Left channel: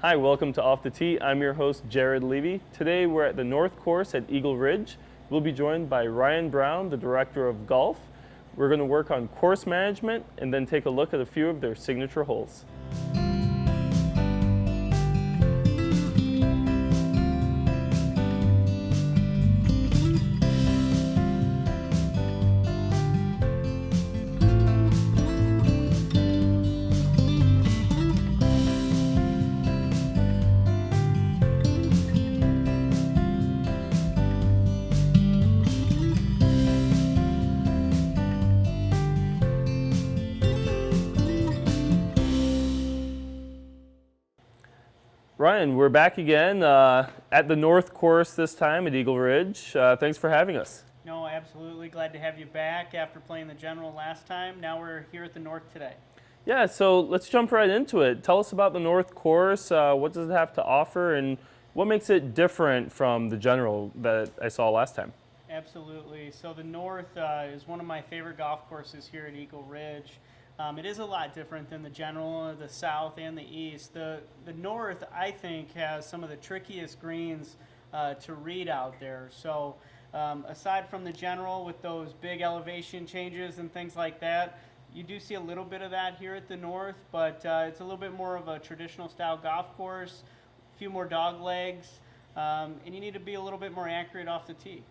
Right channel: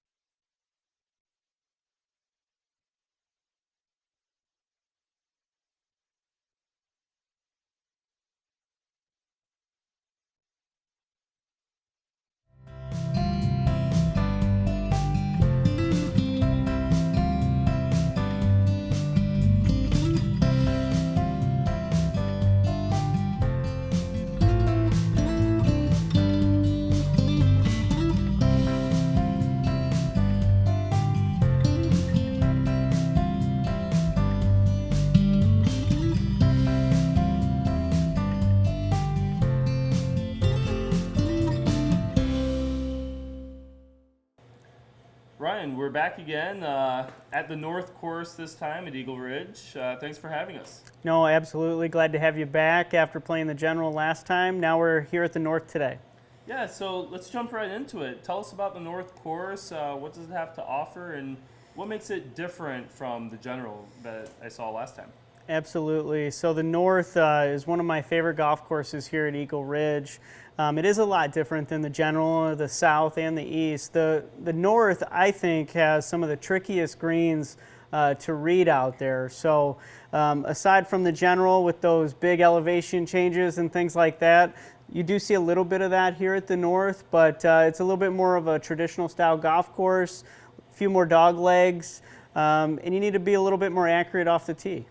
Hi, welcome to Off the Tee. I'm your host, Jared Levy. Today we're at the North Course at Eagle Ridge. We'll be joined by Ryan Brown, the Director of Golf. We're going to work on course management and then take a look at a few of their signature holes. Ryan, we're back again at the North Course this time at Eagle Ridge. Thanks for having us. No, absolutely. Glad to have you back after playing the General last time. Now we're here at the North today. Yeah, so let's jump right into it. Tell us about the North Course. What does it have to offer, and what makes it different from the General that I saw last time? Absolutely. So the North is one of my favorite golf courses here at Eagle Ridge. It is a lot different than the General, the South, and the East. The North, I think, has some of the trickiest greens to read out there. So aside from the General with those big elevation changes and things like that, you do see a little bit of that here at the North, but it's a little bit more of a traditional style golf course, a few more dog legs, and you need to be a little bit more accurate off the tee.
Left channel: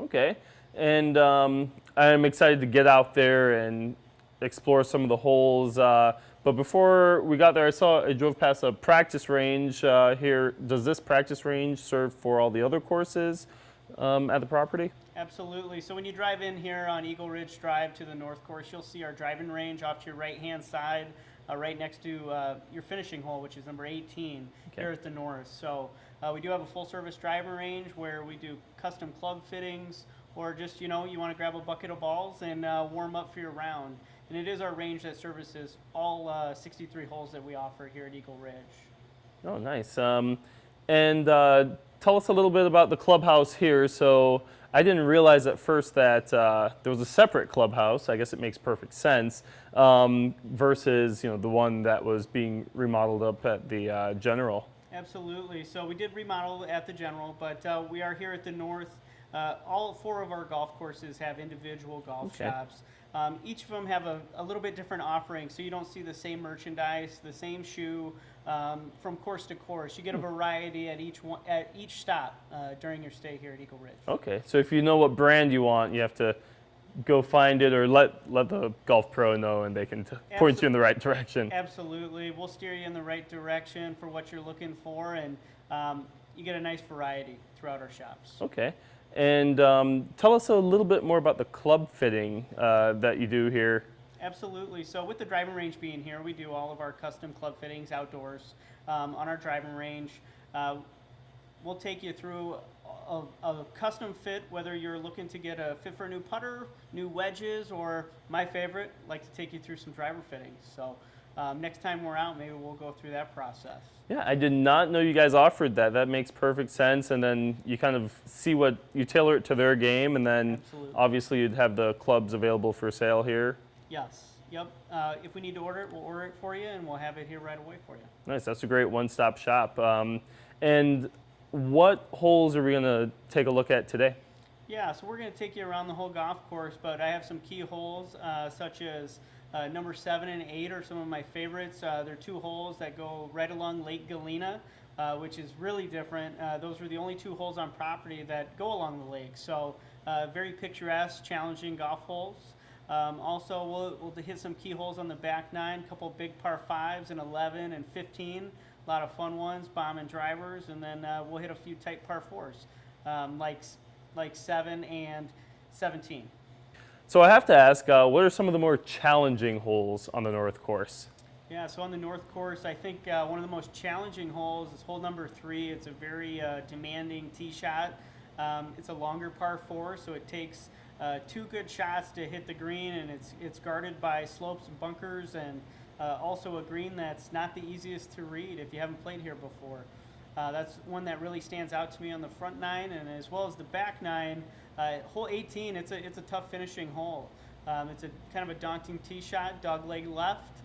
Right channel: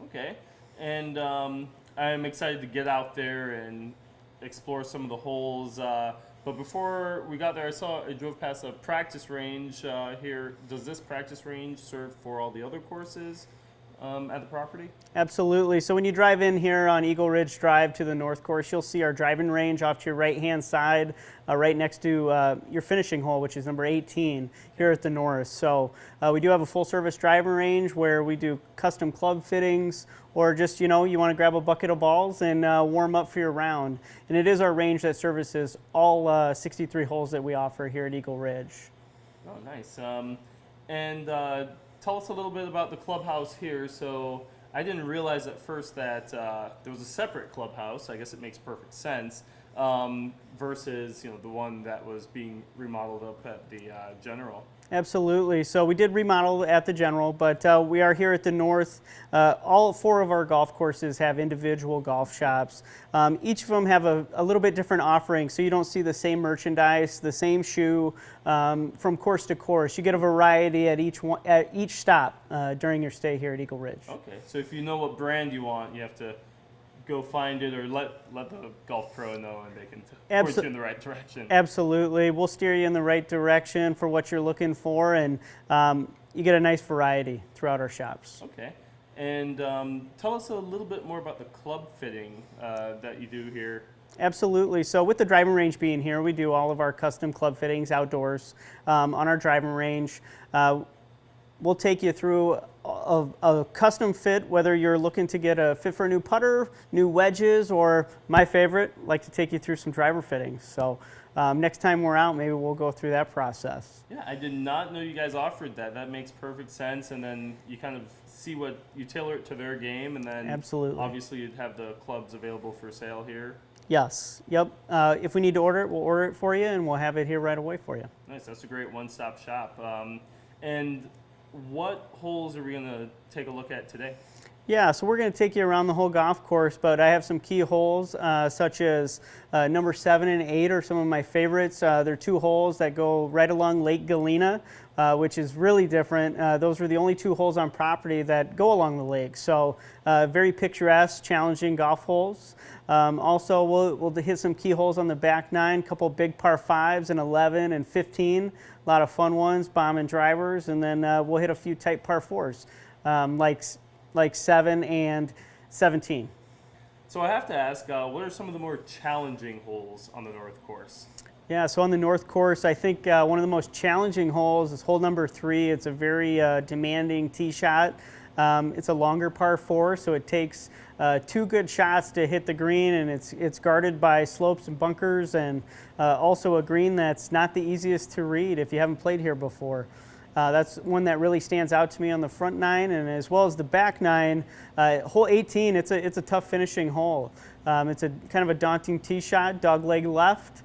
Okay, and I'm excited to get out there and explore some of the holes. But before we got there, I drove past a practice range here. Does this practice range serve for all the other courses at the property? Absolutely. So when you drive in here on Eagle Ridge Drive to the North Course, you'll see our driving range off to your right-hand side, right next to your finishing hole, which is number 18 here at the North. So we do have a full-service driving range where we do custom club fittings, or just, you want to grab a bucket of balls and warm up for your round. And it is our range that services all 63 holes that we offer here at Eagle Ridge. Oh, nice. Tell us a little bit about the clubhouse here. So I didn't realize at first that there was a separate clubhouse. I guess it makes perfect sense versus the one that was being remodeled up at the General. Absolutely. So we did remodel at the General, but we are here at the North. All 4 of our golf courses have individual golf shops. Each of them have a little bit different offering, so you don't see the same merchandise, the same shoe from course to course. You get a variety at each stop during your stay here at Eagle Ridge. Okay, so if you know what brand you want, you have to go find it, or let the golf pro know, and they can point you in the right direction. Absolutely. We'll steer you in the right direction for what you're looking for, and you get a nice variety throughout our shops. Okay. And tell us a little bit more about the club fitting that you do here. Absolutely. So with the driving range being here, we do all of our custom club fittings outdoors on our driving range. We'll take you through a custom fit, whether you're looking to get a fit for a new putter, new wedges, or my favorite, like to take you through some driver fittings. So next time we're out, maybe we'll go through that process. Yeah, I did not know you guys offered that. That makes perfect sense. And then you kind of see what you tailor it to their game, and then absolutely, obviously you'd have the clubs available for sale here. Yes. Yep. If we need to order it, we'll order it for you, and we'll have it here right away for you. Nice. That's a great one-stop shop. And what holes are we going to take a look at today? Yeah, so we're going to take you around the whole golf course, but I have some key holes such as number 7 and 8 are some of my favorites. They're 2 holes that go right along Lake Galena, which is really different. Those are the only 2 holes on property that go along the lake. So very picturesque, challenging golf holes. Also, we'll hit some key holes on the back 9, a couple big par 5s and 11 and 15. A lot of fun ones, bombing drivers, and then we'll hit a few tight par 4s, like 7 and 17. So I have to ask, what are some of the more challenging holes on the North Course? Yeah, so on the North Course, I think one of the most challenging holes is hole number 3. It's a very demanding tee shot. It's a longer par 4, so it takes 2 good shots to hit the green, and it's guarded by slopes and bunkers, and also a green that's not the easiest to read if you haven't played here before. That's one that really stands out to me on the front 9, and as well as the back 9. Hole 18, it's a tough finishing hole. It's a kind of a daunting tee shot, dog leg left,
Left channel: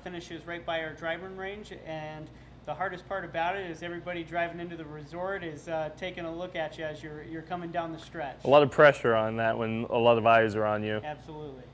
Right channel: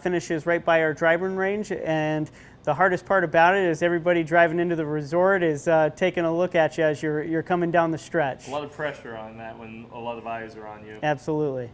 finishes right by our driving range, and The hardest part about it is everybody driving into the resort is taking a look at you as you're coming down the stretch. A lot of pressure on that when a lot of eyes are on you. Absolutely.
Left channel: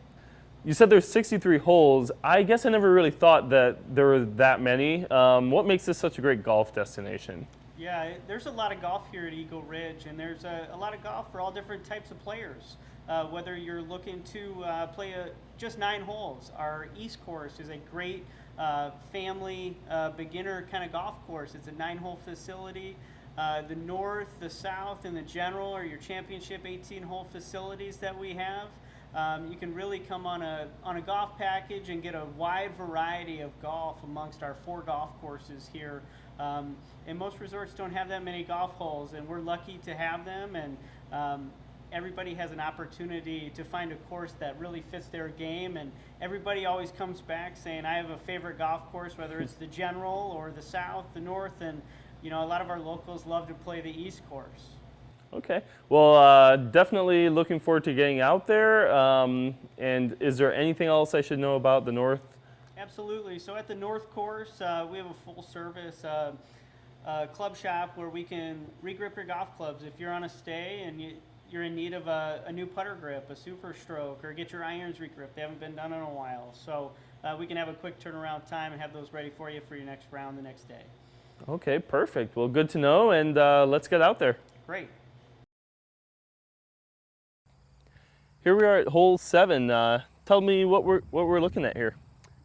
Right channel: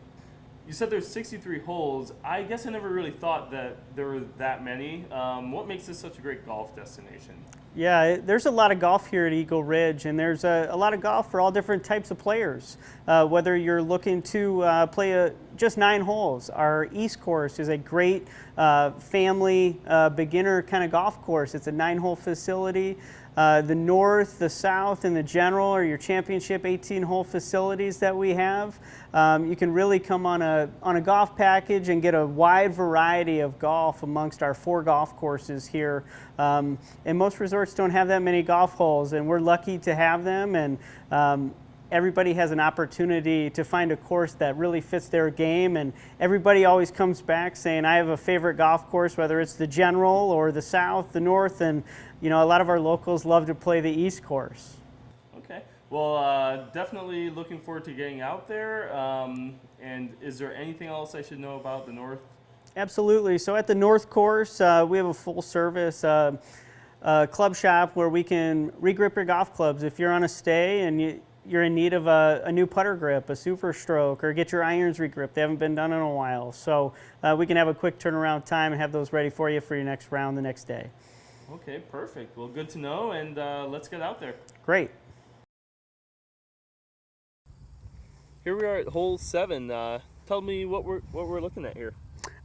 You said there's 63 holes. I guess I never really thought that there were that many. What makes this such a great golf destination? Yeah, there's a lot of golf here at Eagle Ridge, and there's a lot of golf for all different types of players. Whether you're looking to play just 9 holes, our East course is a great family beginner kind of golf course. It's a 9-hole facility. The North, the South, and the General are your championship 18-hole facilities that we have. You can really come on a golf package and get a wide variety of golf amongst our 4 golf courses here. And most resorts don't have that many golf holes, and we're lucky to have them. And everybody has an opportunity to find a course that really fits their game. And everybody always comes back saying, I have a favorite golf course, whether it's the General or the South, the North, and you know, a lot of our locals love to play the East course. Okay. Well, definitely looking forward to getting out there. And is there anything else I should know about the North? Absolutely. So at the North course, we have a full service club shop where we can regrip your golf clubs. If you're on a stay and you're in need of a new putter grip, a super stroke, or get your irons regripped, they haven't been done in a while. So we can have a quick turnaround time and have those ready for you for your next round the next day. Okay, perfect. Well, good to know, and let's get out there. Great. Here we are at hole 7. Tell me what we're looking at here.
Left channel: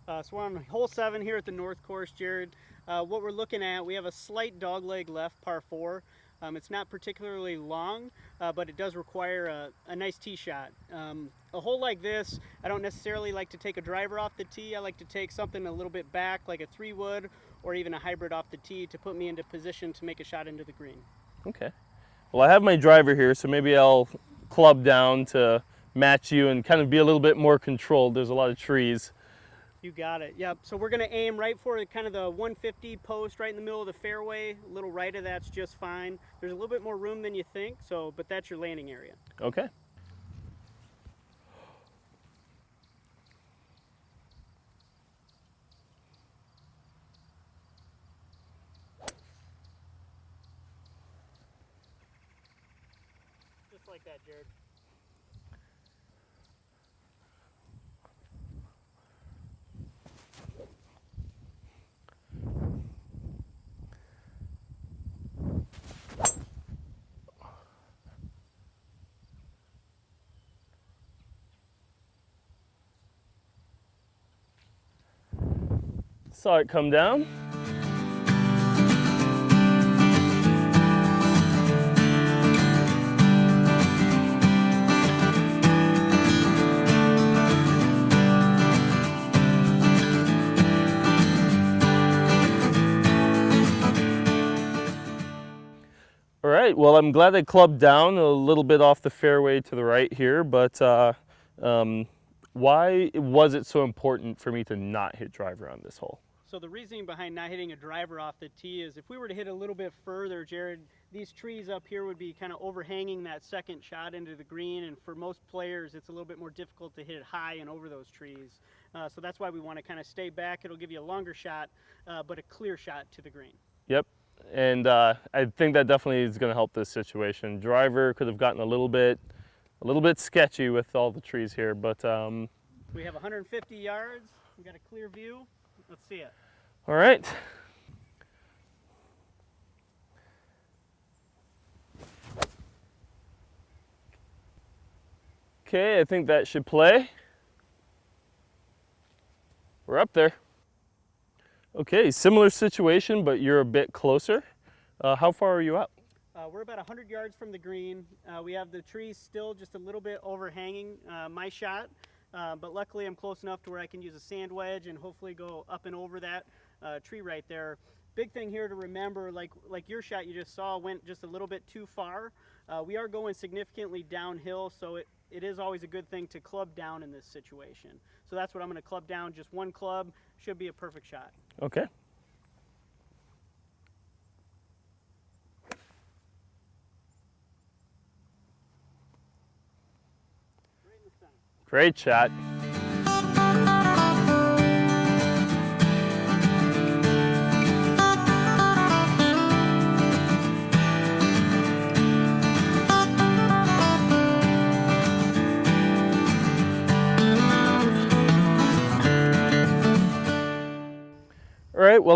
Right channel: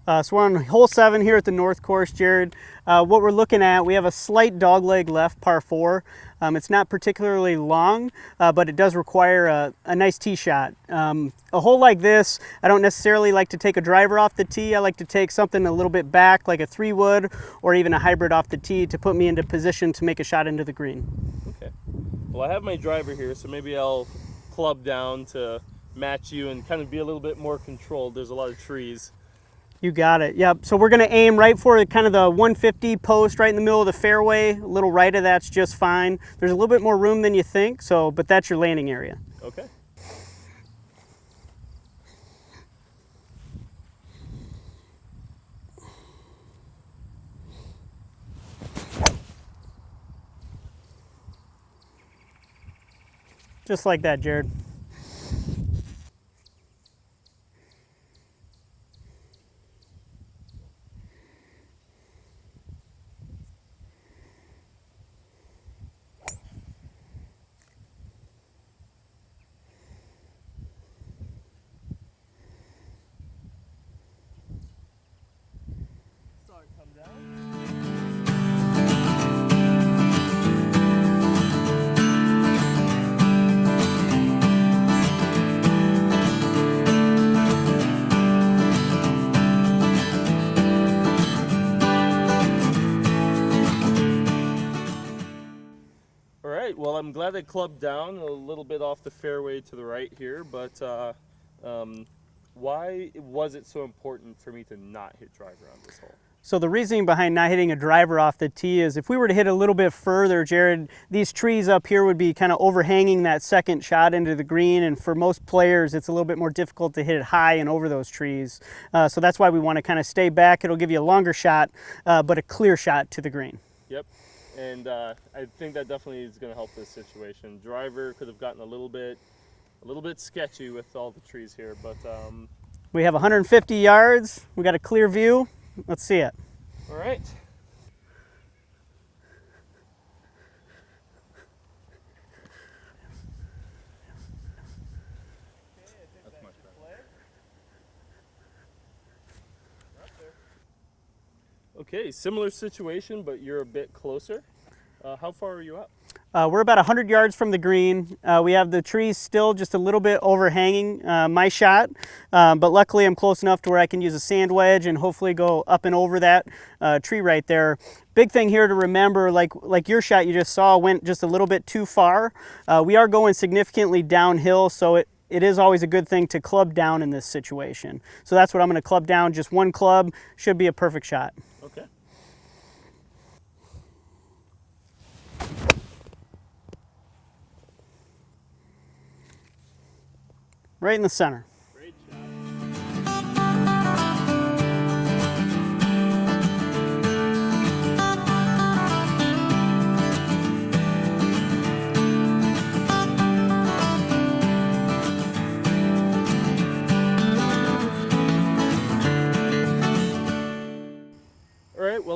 So we're on hole 7 here at the North course, Jared. What we're looking at, we have a slight dogleg left par 4. It's not particularly long, but it does require a nice tee shot. A hole like this, I don't necessarily like to take a driver off the tee. I like to take something a little bit back, like a 3-wood or even a hybrid off the tee to put me into position to make a shot into the green. Okay. Well, I have my driver here, so maybe I'll club down to match you and kind of be a little bit more controlled. There's a lot of trees. You got it. Yep. So we're going to aim right for kind of the 150 post right in the middle of the fairway. A little right of that's just fine. There's a little bit more room than you think, but that's your landing area. Okay. Just like that, Jared. Saw it come down. All right, well, I'm glad I clubbed down a little bit off the fairway to the right here, but why was it so important for me to not hit driver on this hole? So the reasoning behind not hitting a driver off the tee is if we were to hit a little bit further, Jared, these trees up here would be kind of overhanging that second shot into the green, and for most players it's a little bit more difficult to hit it high and over those trees. So that's why we want to kind of stay back. It'll give you a longer shot, but a clear shot to the green. Yep, and I think that definitely is going to help this situation. Driver could have gotten a little bit sketchy with all the trees here, but we have 150 yards. We got a clear view. Let's see it. All right. Okay, I think that should play. We're up there. Okay, similar situation, but you're a bit closer. How far are you out? We're about 100 yards from the green. We have the trees still just a little bit overhanging my shot, but luckily I'm close enough to where I can use a sand wedge and hopefully go up and over that tree right there. Big thing here to remember, like your shot you just saw went just a little bit too far. We are going significantly downhill, so it is always a good thing to club down in this situation. So that's what I'm going to club down. Just one club should be a perfect shot. Okay. Right in the center. Great shot.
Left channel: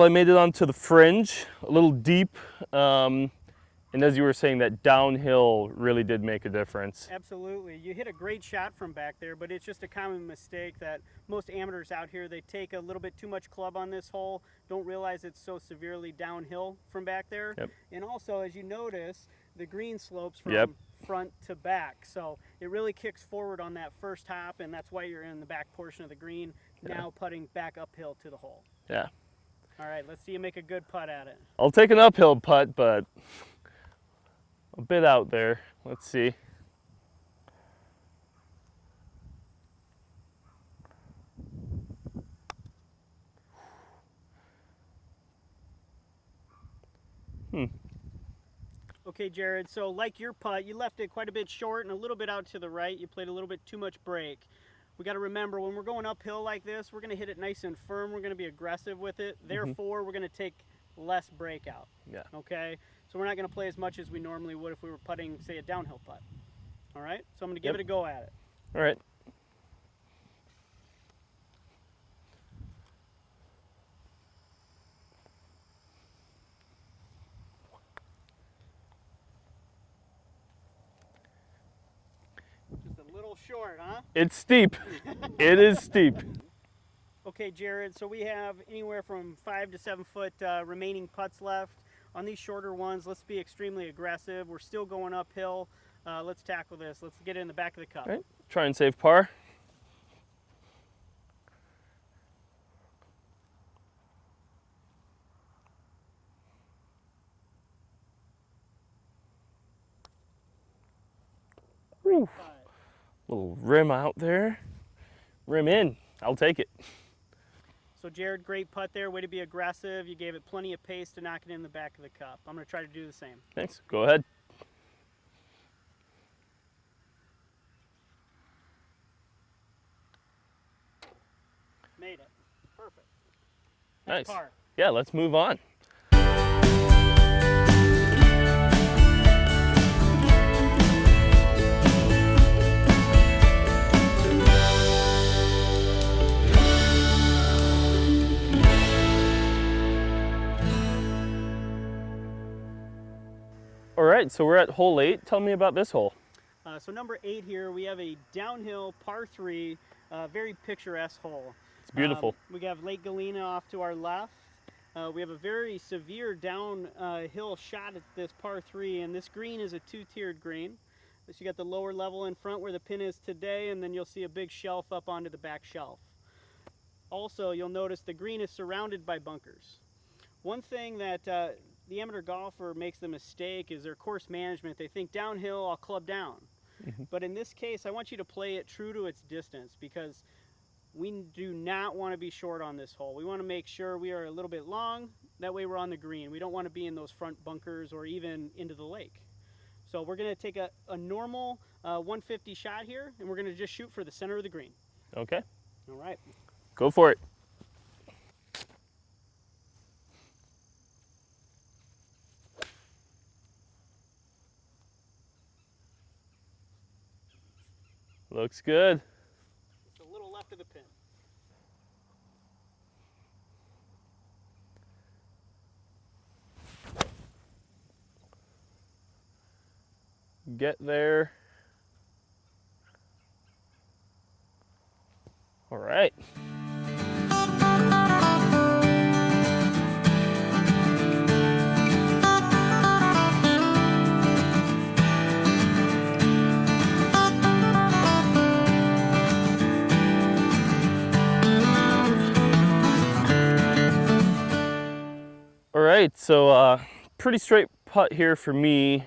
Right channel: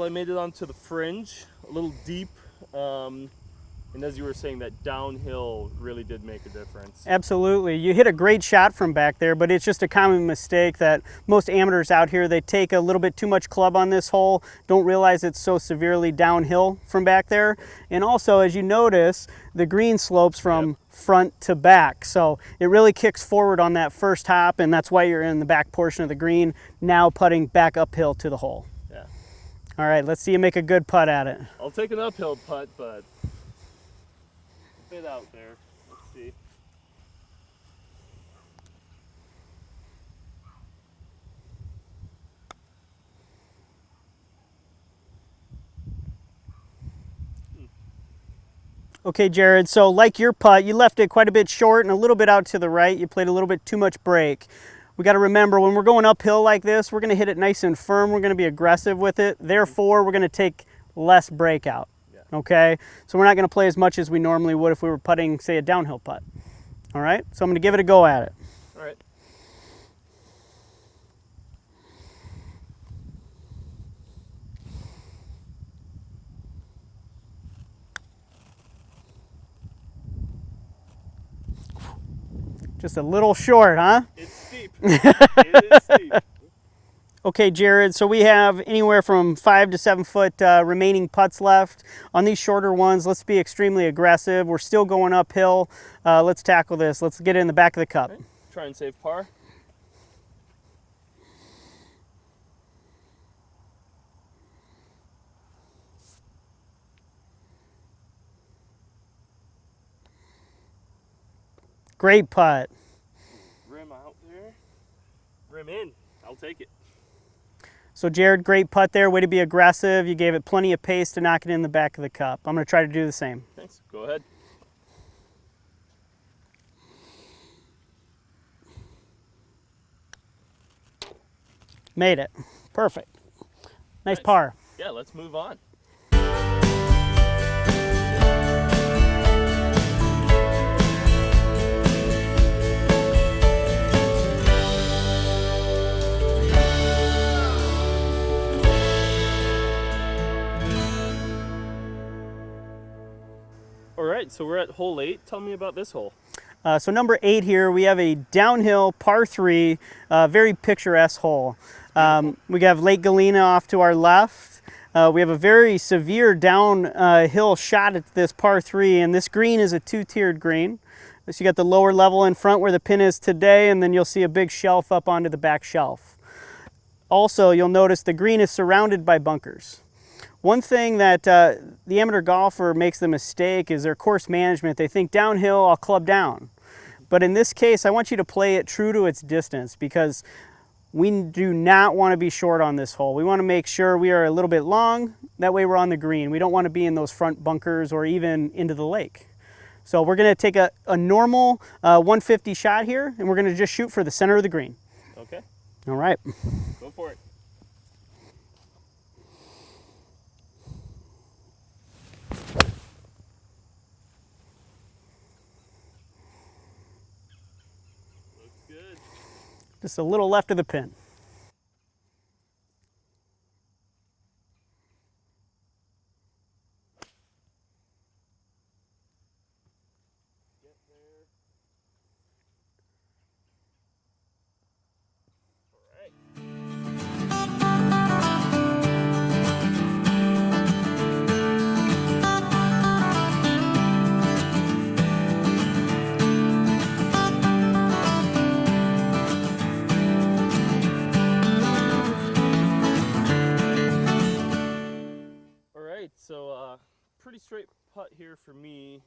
Well, I made it onto the fringe, a little deep. And as you were saying, that downhill really did make a difference. Absolutely. You hit a great shot from back there, but it's just a common mistake that most amateurs out here, they take a little bit too much club on this hole, don't realize it's so severely downhill from back there. Yep. And also, as you notice, the green slopes from Yep. front to back. So it really kicks forward on that first hop, and that's why you're in the back portion of the green, now putting back uphill to the hole. Yeah. All right, let's see you make a good putt at it. I'll take an uphill putt, but a bit out there. Let's see. Okay, Jared, so like your putt, you left it quite a bit short and a little bit out to the right. You played a little bit too much break. We got to remember when we're going uphill like this, we're going to hit it nice and firm. We're going to be aggressive with it. Therefore, we're going to take less breakout. Yeah. Okay? So we're not going to play as much as we normally would if we were putting, say, a downhill putt. All right? So I'm going to give it a go at it. All right. Just a little short, huh? It's steep. It is steep. Okay, Jared, so we have anywhere from 5 to 7 foot remaining putts left. On these shorter ones, let's be extremely aggressive. We're still going uphill. Let's tackle this. Let's get it in the back of the cup. Okay. Try and save par. Great putt. Little rim out there. Rim in. I'll take it. So Jared, great putt there. Way to be aggressive. You gave it plenty of pace to knock it in the back of the cup. I'm going to try to do the same. Thanks. Go ahead. Made it. Perfect. Nice par. Yeah, let's move on. All right, so we're at hole 8. Tell me about this hole. So number 8 here, we have a downhill par 3, very picturesque hole. Beautiful. We have Lake Galena off to our left. We have a very severe downhill shot at this par 3, and this green is a 2-tiered green. So you got the lower level in front where the pin is today, and then you'll see a big shelf up onto the back shelf. Also, you'll notice the green is surrounded by bunkers. One thing that the amateur golfer makes the mistake is their course management. They think downhill, I'll club down. But in this case, I want you to play it true to its distance because we do not want to be short on this hole. We want to make sure we are a little bit long. That way we're on the green. We don't want to be in those front bunkers or even into the lake. So we're going to take a normal 150 shot here, and we're going to just shoot for the center of the green. Okay, All right. go for it. Looks good. Just a little left of the pin. Get there. All right. All right, so pretty straight putt here for me.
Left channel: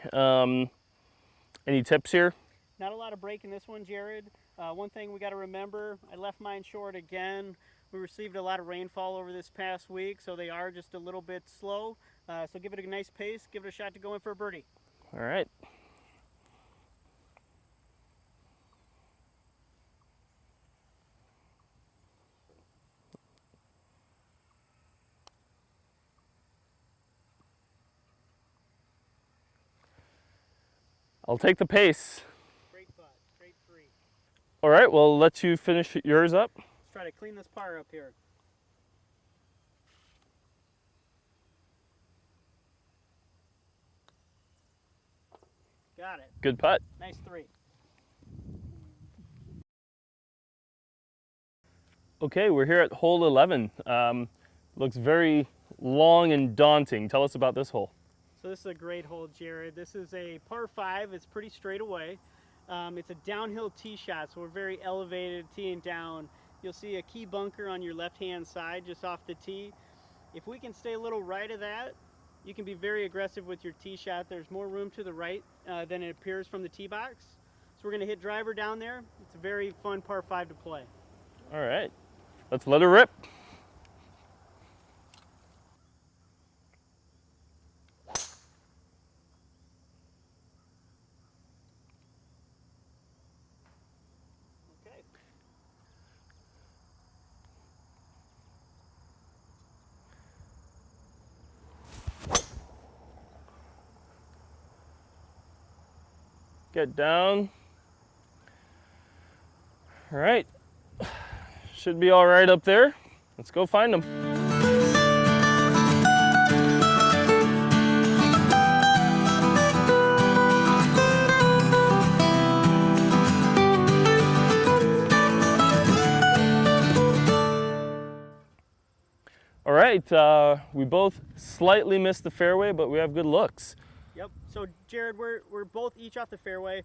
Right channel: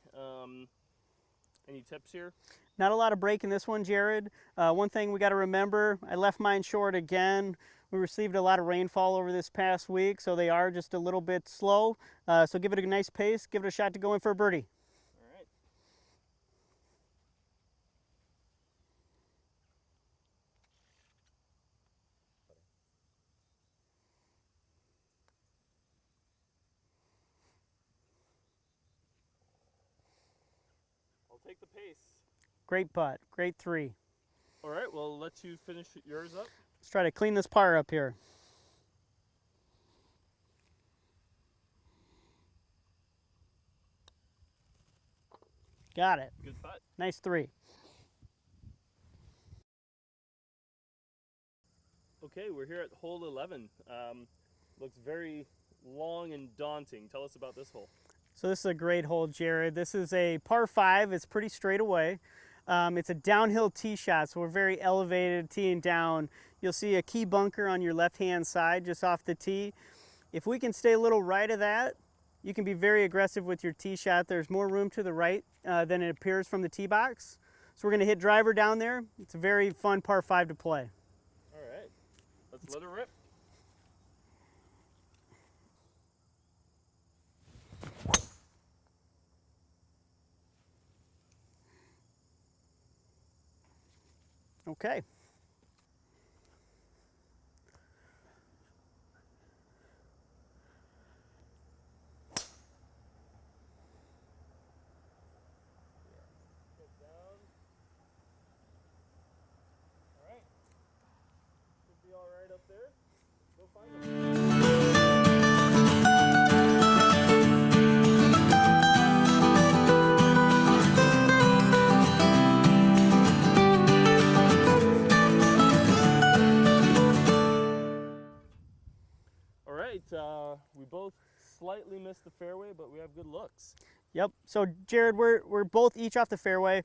Any tips here? Not a lot of break in this one, Jared. One thing we got to remember, I left mine short again. We received a lot of rainfall over this past week, so they are just a little bit slow. So give it a nice pace, give it a shot to go in for a birdie. All right. I'll take the pace. Great putt, great 3. All right, well, I'll let you finish yours up. Let's try to clean this par up here. Got it. Good putt. Nice 3. Okay, we're here at hole 11. Looks very long and daunting. Tell us about this hole. So this is a great hole, Jared. This is a par 5. It's pretty straight away. It's a downhill tee shot, so we're very elevated teeing down. You'll see a key bunker on your left-hand side just off the tee. If we can stay a little right of that, you can be very aggressive with your tee shot. There's more room to the right than it appears from the tee box. So we're going to hit driver down there. It's a very fun par 5 to play. All right, let's let her rip. Okay. Get down. All right, should be all right up there. Let's go find them. All right, we both slightly missed the fairway, but we have good looks. Yep. So Jared, we're both each off the fairway.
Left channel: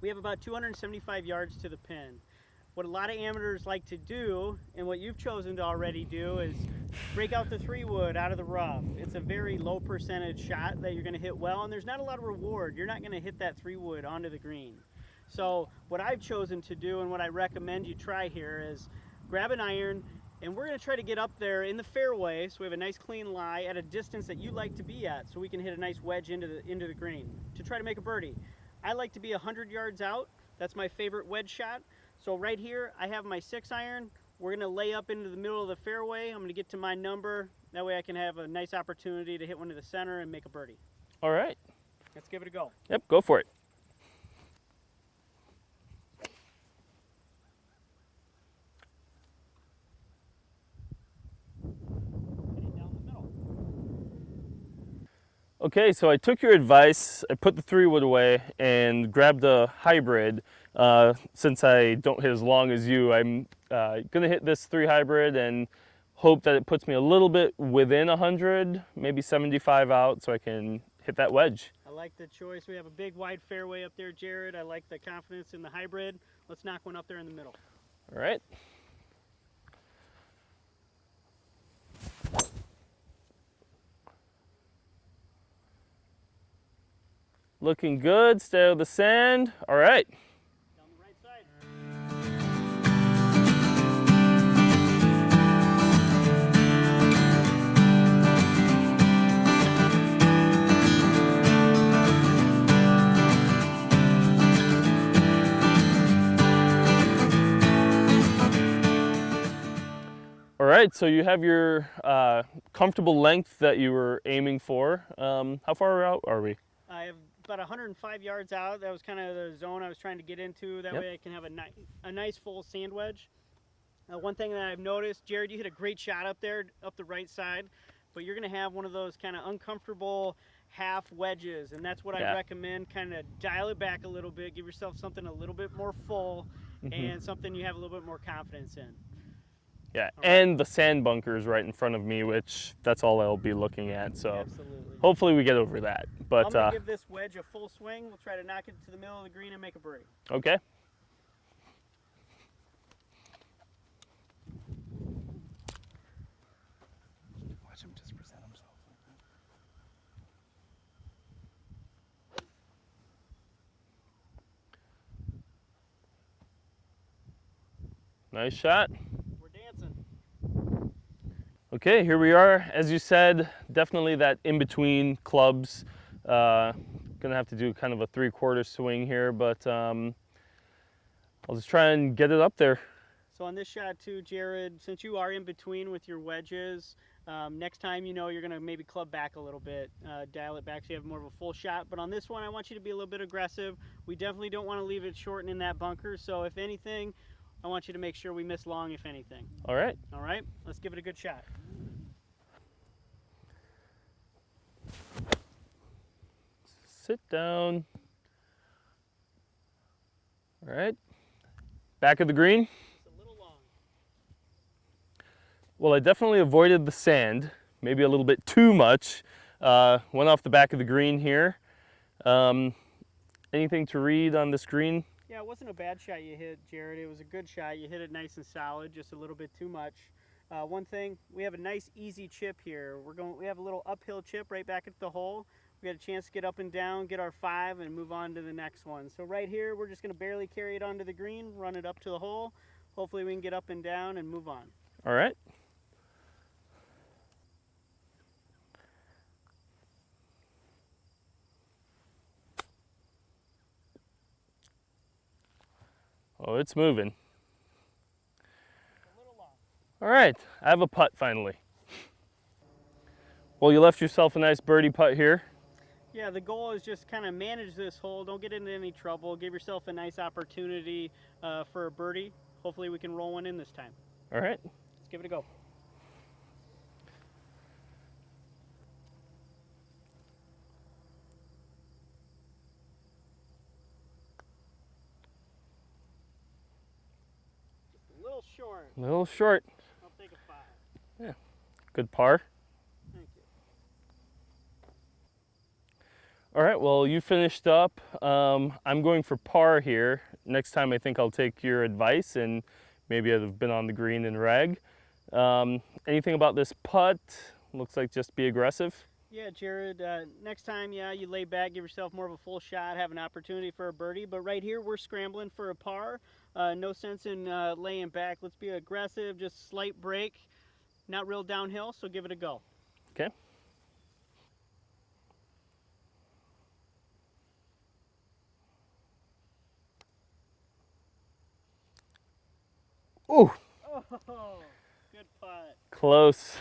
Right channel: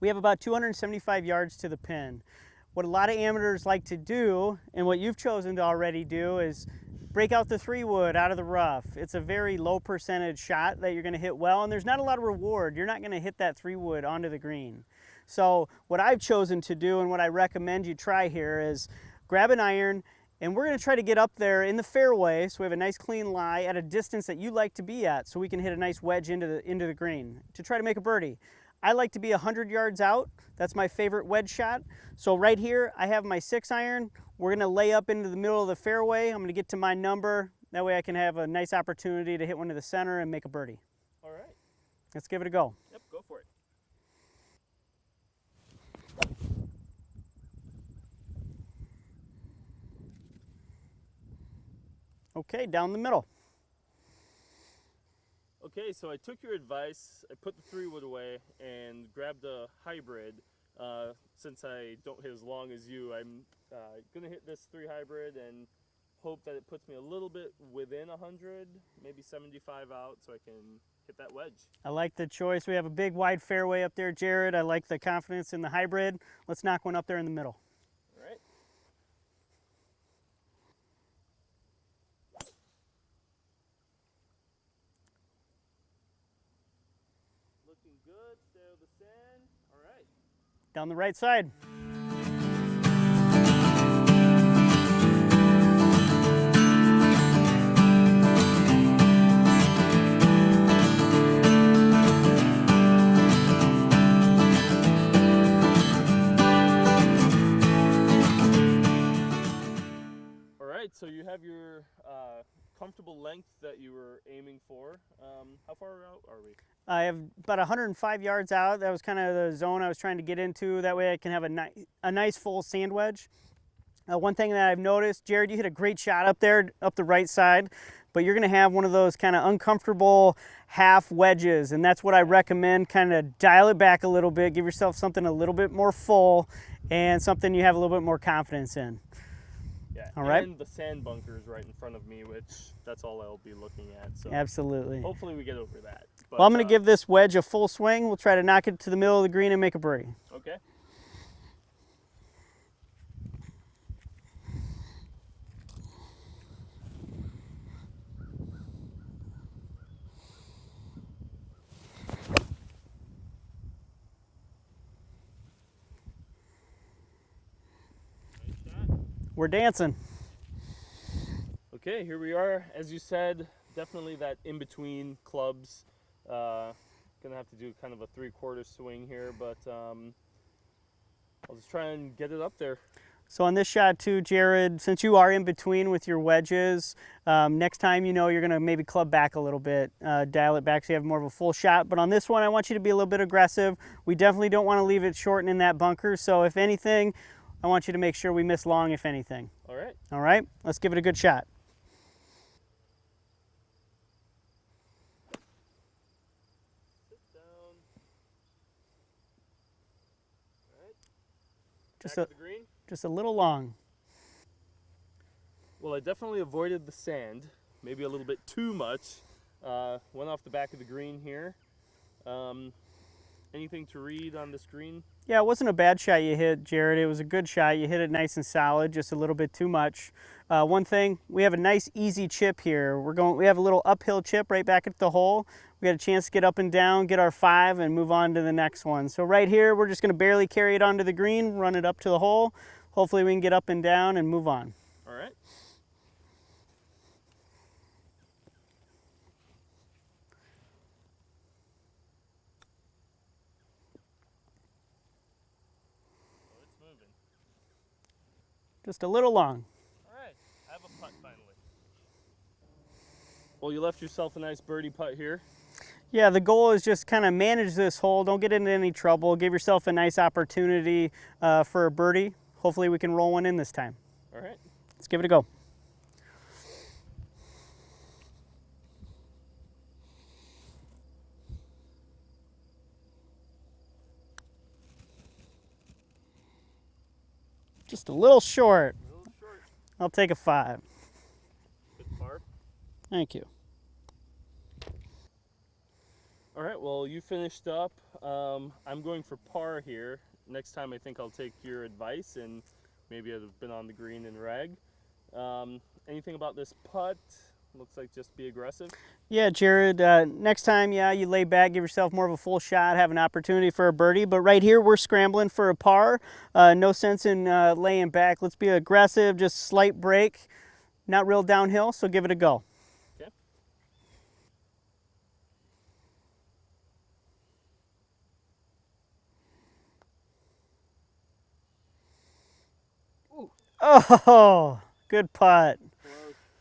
We have about 275 yards to the pin. What a lot of amateurs like to do, and what you've chosen to already do, is break out the 3-wood out of the rough. It's a very low percentage shot that you're going to hit well, and there's not a lot of reward. You're not going to hit that 3-wood onto the green. So what I've chosen to do, and what I recommend you try here, is grab an iron, and we're going to try to get up there in the fairway, so we have a nice clean lie at a distance that you like to be at, so we can hit a nice wedge into the green to try to make a birdie. I like to be 100 yards out. That's my favorite wedge shot. So right here, I have my 6-iron. We're going to lay up into the middle of the fairway. I'm going to get to my number. That way I can have a nice opportunity to hit one to the center and make a birdie. All right. Let's give it a go. Yep, go for it. Okay, down the middle. Okay, so I took your advice. I put the 3-wood away and grabbed a hybrid. Since I don't hit as long as you, I'm gonna hit this 3 hybrid and hope that it puts me a little bit within 100, maybe 75 out, so I can hit that wedge. I like the choice. We have a big wide fairway up there, Jared. I like the confidence in the hybrid. Let's knock one up there in the middle. All right. Looking good, stay out of the sand. All right. Down the right side. All right, so you have your comfortable length that you were aiming for. How far out are we? I have about 105 yards out. That was kind of the zone I was trying to get into. That way I can have a nice full sand wedge. One thing that I've noticed, Jared, you hit a great shot up there, up the right side, but you're going to have one of those kind of uncomfortable half wedges, and that's what I recommend. Kind of dial it back a little bit, give yourself something a little bit more full, and something you have a little bit more confidence in. Yeah, all right. And the sand bunker is right in front of me, which that's all I'll be looking at. So absolutely. Hopefully we get over that. But well, I'm going to give this wedge a full swing. We'll try to knock it to the middle of the green and make a birdie. Okay. Nice shot. We're dancing. Okay, here we are. As you said, definitely that in-between clubs. Gonna have to do kind of a 3/4 swing here, but I'll just try and get it up there. So on this shot too, Jared, since you are in between with your wedges, next time you're gonna maybe club back a little bit, dial it back so you have more of a full shot. But on this one, I want you to be a little bit aggressive. We definitely don't want to leave it short and in that bunker. So if anything, I want you to make sure we miss long, if anything. All right. All right, let's give it a good shot. Sit down. All right. Back of the green. Just a little long. Well, I definitely avoided the sand, maybe a little bit too much. Went off the back of the green here. Anything to read on this green? Yeah, it wasn't a bad shot you hit, Jared. It was a good shot. You hit it nice and solid, just a little bit too much. One thing, we have a nice easy chip here. We have a little uphill chip right back at the hole. We got a chance to get up and down, get our 5, and move on to the next one. So right here, we're just gonna barely carry it onto the green, run it up to the hole. Hopefully we can get up and down and move on. All right. Oh, it's moving. Just a little long. All right, I have a putt finally. Well, you left yourself a nice birdie putt here. Yeah, the goal is just kind of manage this hole. Don't get into any trouble. Give yourself a nice opportunity for a birdie. Hopefully we can roll one in this time. All right. Let's give it a go. Just a little short. A little short. I'll take a 5. Good par. Thank you. All right, well, you finished up. I'm going for par here. Next time I think I'll take your advice and maybe I'd have been on the green and rag. Anything about this putt? Looks like just be aggressive. Yeah, Jared, next time, yeah, you lay back, give yourself more of a full shot, have an opportunity for a birdie. But right here, we're scrambling for a par. No sense in laying back. Let's be aggressive, just slight break, not real downhill, so give it a go. Okay. Ooh, Oh, good putt. close.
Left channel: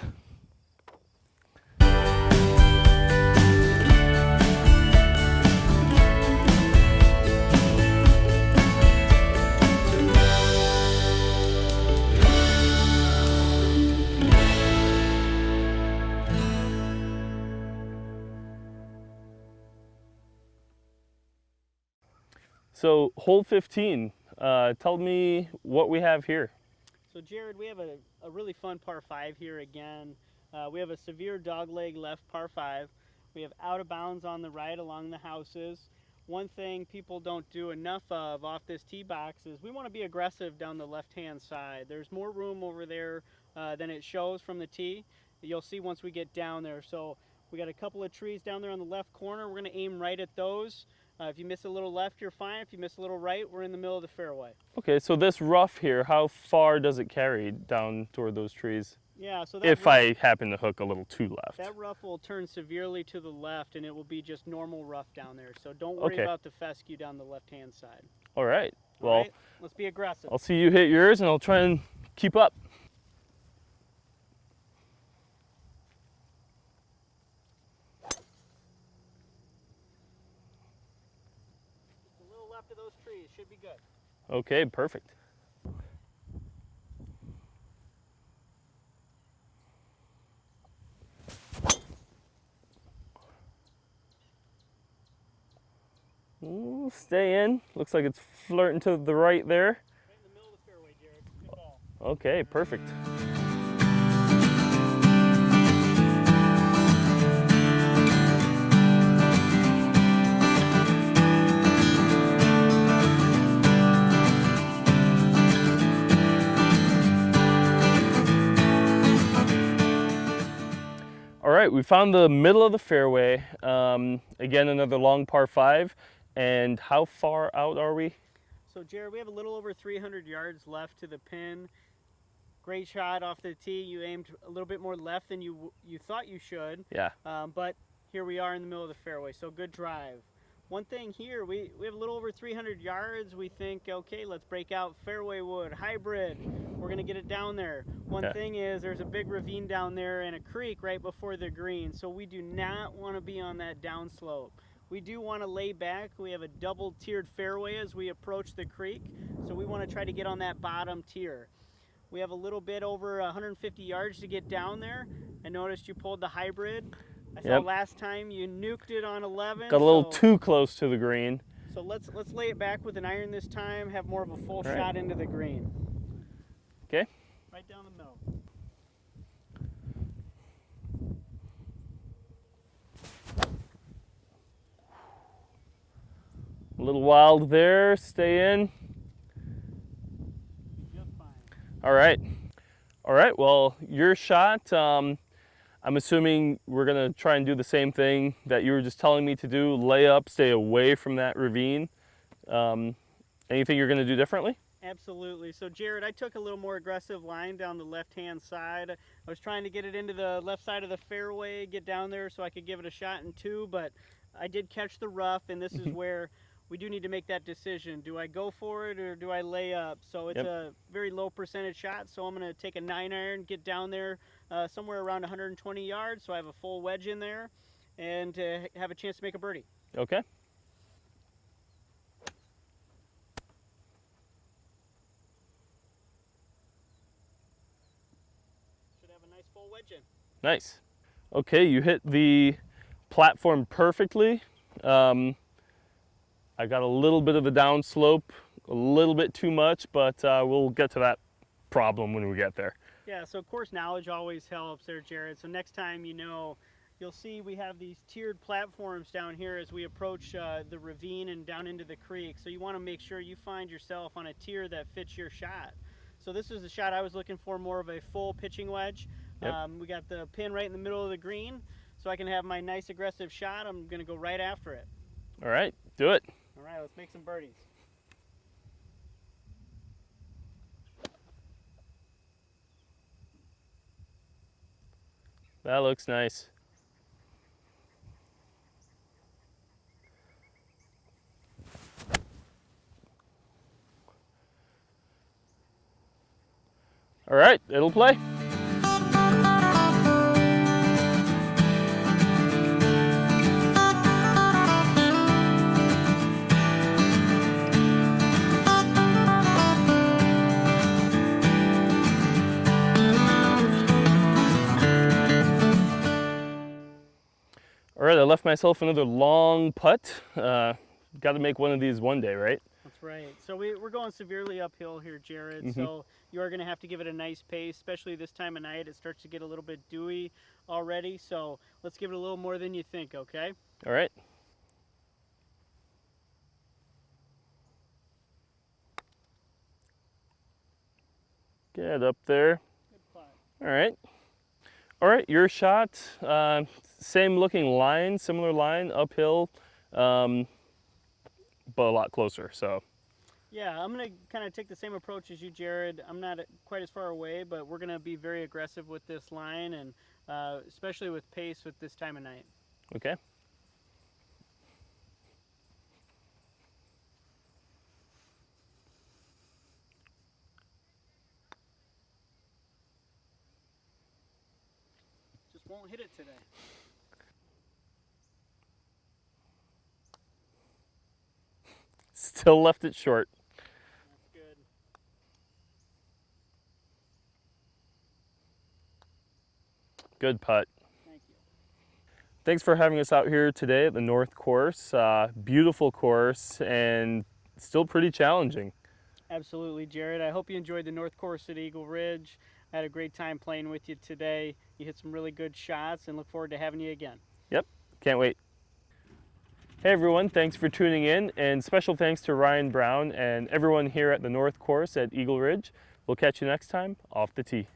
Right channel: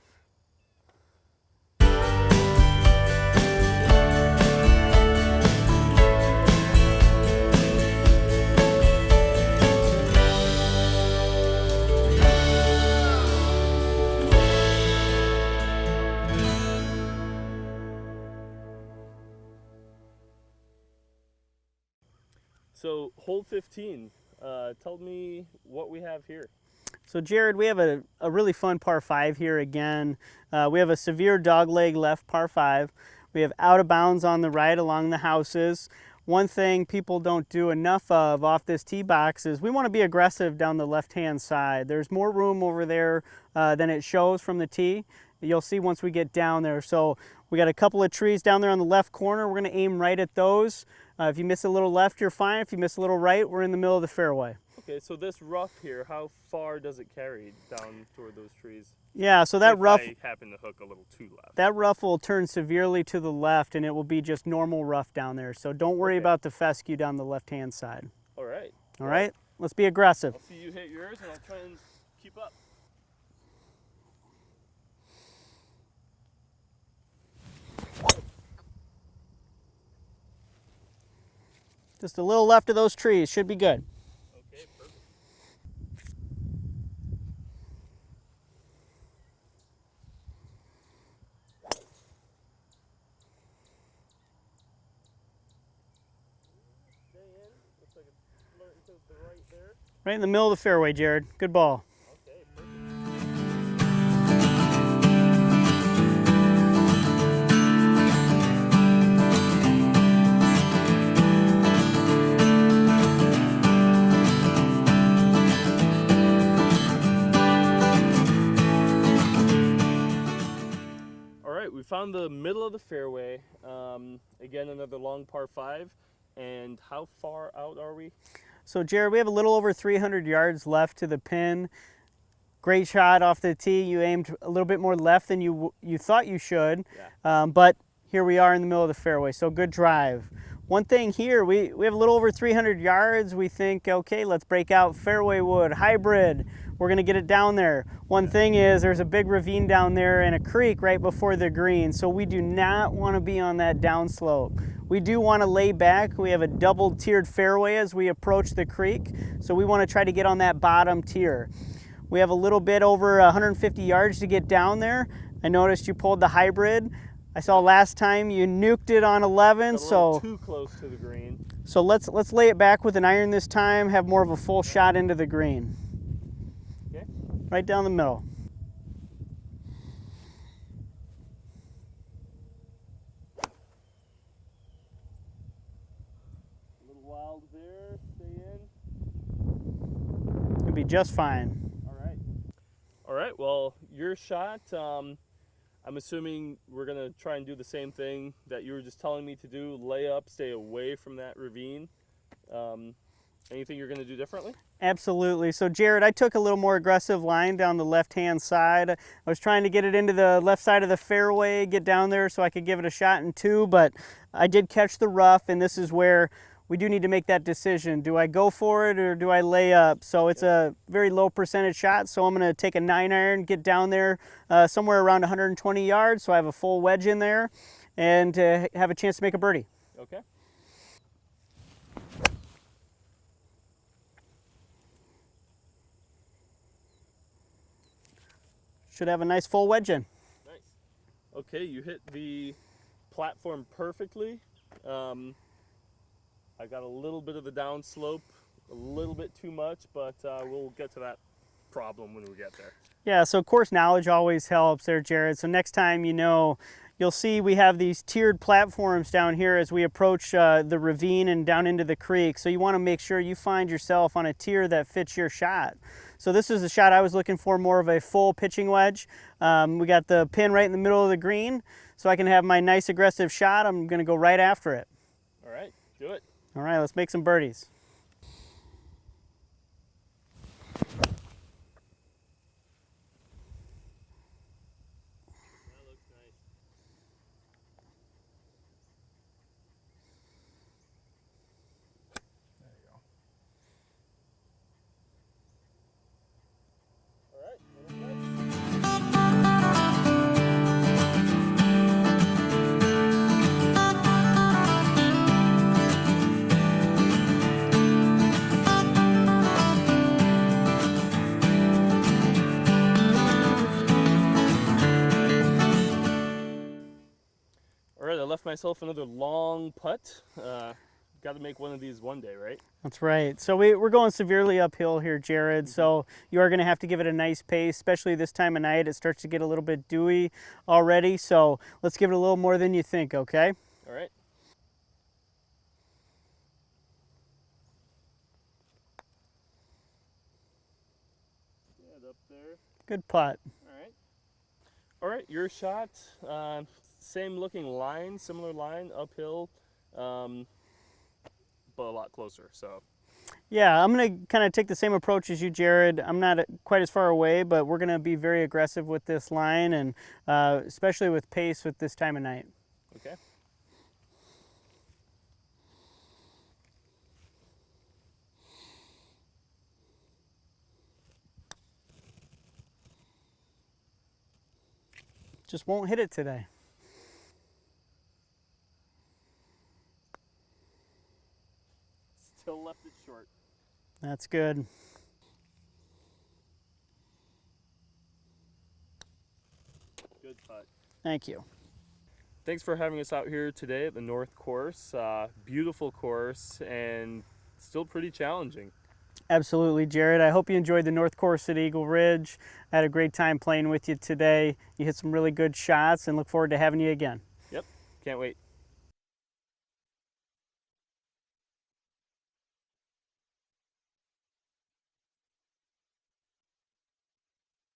So hole 15, tell me what we have here. So Jared, we have a really fun par 5 here again. We have a severe dogleg left par 5. We have out of bounds on the right along the houses. One thing people don't do enough of off this tee box is we want to be aggressive down the left-hand side. There's more room over there than it shows from the tee. You'll see once we get down there. So we got a couple of trees down there on the left corner. We're going to aim right at those. If you miss a little left, you're fine. If you miss a little right, we're in the middle of the fairway. Okay, so this rough here, how far does it carry down toward those trees? Yeah, so that if rough, I happen to hook a little too left. that rough will turn severely to the left, and it will be just normal rough down there. So don't worry Okay. about the fescue down the left-hand side. All right. All right, let's be aggressive. I'll see you hit yours, and I'll try and keep up. Just a little left of those trees, should be good. Okay, perfect. Ooh, stay in. Looks like it's flirting to the right there. Right in the middle of the fairway, Jared. Good ball. Okay, perfect. All right, we found the middle of the fairway. Again, another long par 5. And how far out are we? So Jared, we have a little over 300 yards left to the pin. Great shot off the tee. You aimed a little bit more left than you thought you should. Yeah. But here we are in the middle of the fairway, so good drive. One thing here, we have a little over 300 yards. We think, okay, let's break out fairway wood, hybrid. We're gonna get it down there. One thing is there's a big ravine down there and a creek right before the green, so we do not wanna be on that downslope. We do wanna lay back. We have a double tiered fairway as we approach the creek, so we wanna try to get on that bottom tier. We have a little bit over 150 yards to get down there. I noticed you pulled the hybrid. I saw Yep. last time you nuked it on 11. Got a little so too close to the green. so let's lay it back with an iron this time. Have more of a full right. shot into the green. Okay. Right down the middle. A little wild there. Stay in. You'll be just fine. All right. All right. Well, your shot. I'm assuming we're gonna try and do the same thing that you were just telling me to do. Lay up, stay away from that ravine. Anything you're gonna do differently? Absolutely. So Jared, I took a little more aggressive line down the left-hand side. I was trying to get it into the left side of the fairway, get down there so I could give it a shot in 2, but I did catch the rough, and this is where we do need to make that decision. Do I go for it or do I lay up? So it's a very low percentage shot, so I'm going to take a 9-iron, get down there somewhere around 120 yards, so I have a full wedge in there, and have a chance to make a birdie. Okay. Should have a nice full wedge in. Nice. Okay, you hit the platform perfectly. I got a little bit of a downslope, a little bit too much, but we'll get to that problem when we get there. Yeah, so course knowledge always helps there, Jared. So next time you'll see we have these tiered platforms down here as we approach the ravine and down into the creek. So you want to make sure you find yourself on a tier that fits your shot. So this is the shot I was looking for, more of a full pitching wedge. We got the pin right in the middle of the green, so I can have my nice aggressive shot. I'm going to go right after it. All right, do it. All right, let's make some birdies. That looks nice. All right, it'll play. All right, I left myself another long putt. Got to make one of these one day, right? That's right. So we're going severely uphill here, Jared. So you are going to have to give it a nice pace, especially this time of night. It starts to get a little bit dewy already. So let's give it a little more than you think, okay? All right. Get up there. Good putt. All right. All right, your shot. Same looking line, similar line, uphill, but a lot closer. So. Yeah, I'm going to kind of take the same approach as you, Jared. I'm not quite as far away, but we're going to be very aggressive with this line, and especially with pace with this time of night. Okay. Just won't hit it today. Still left it short. That's good. Good putt. Thank you. Thanks for having us out here today at the North Course. Beautiful course and still pretty challenging. Absolutely, Jared. I hope you enjoyed the North Course at Eagle Ridge. I had a great time playing with you today. You hit some really good shots and look forward to having you again. Yep, can't wait. Hey everyone, thanks for tuning in, and special thanks to Ryan Brown and everyone here at the North Course at Eagle Ridge. We'll catch you next time off the tee.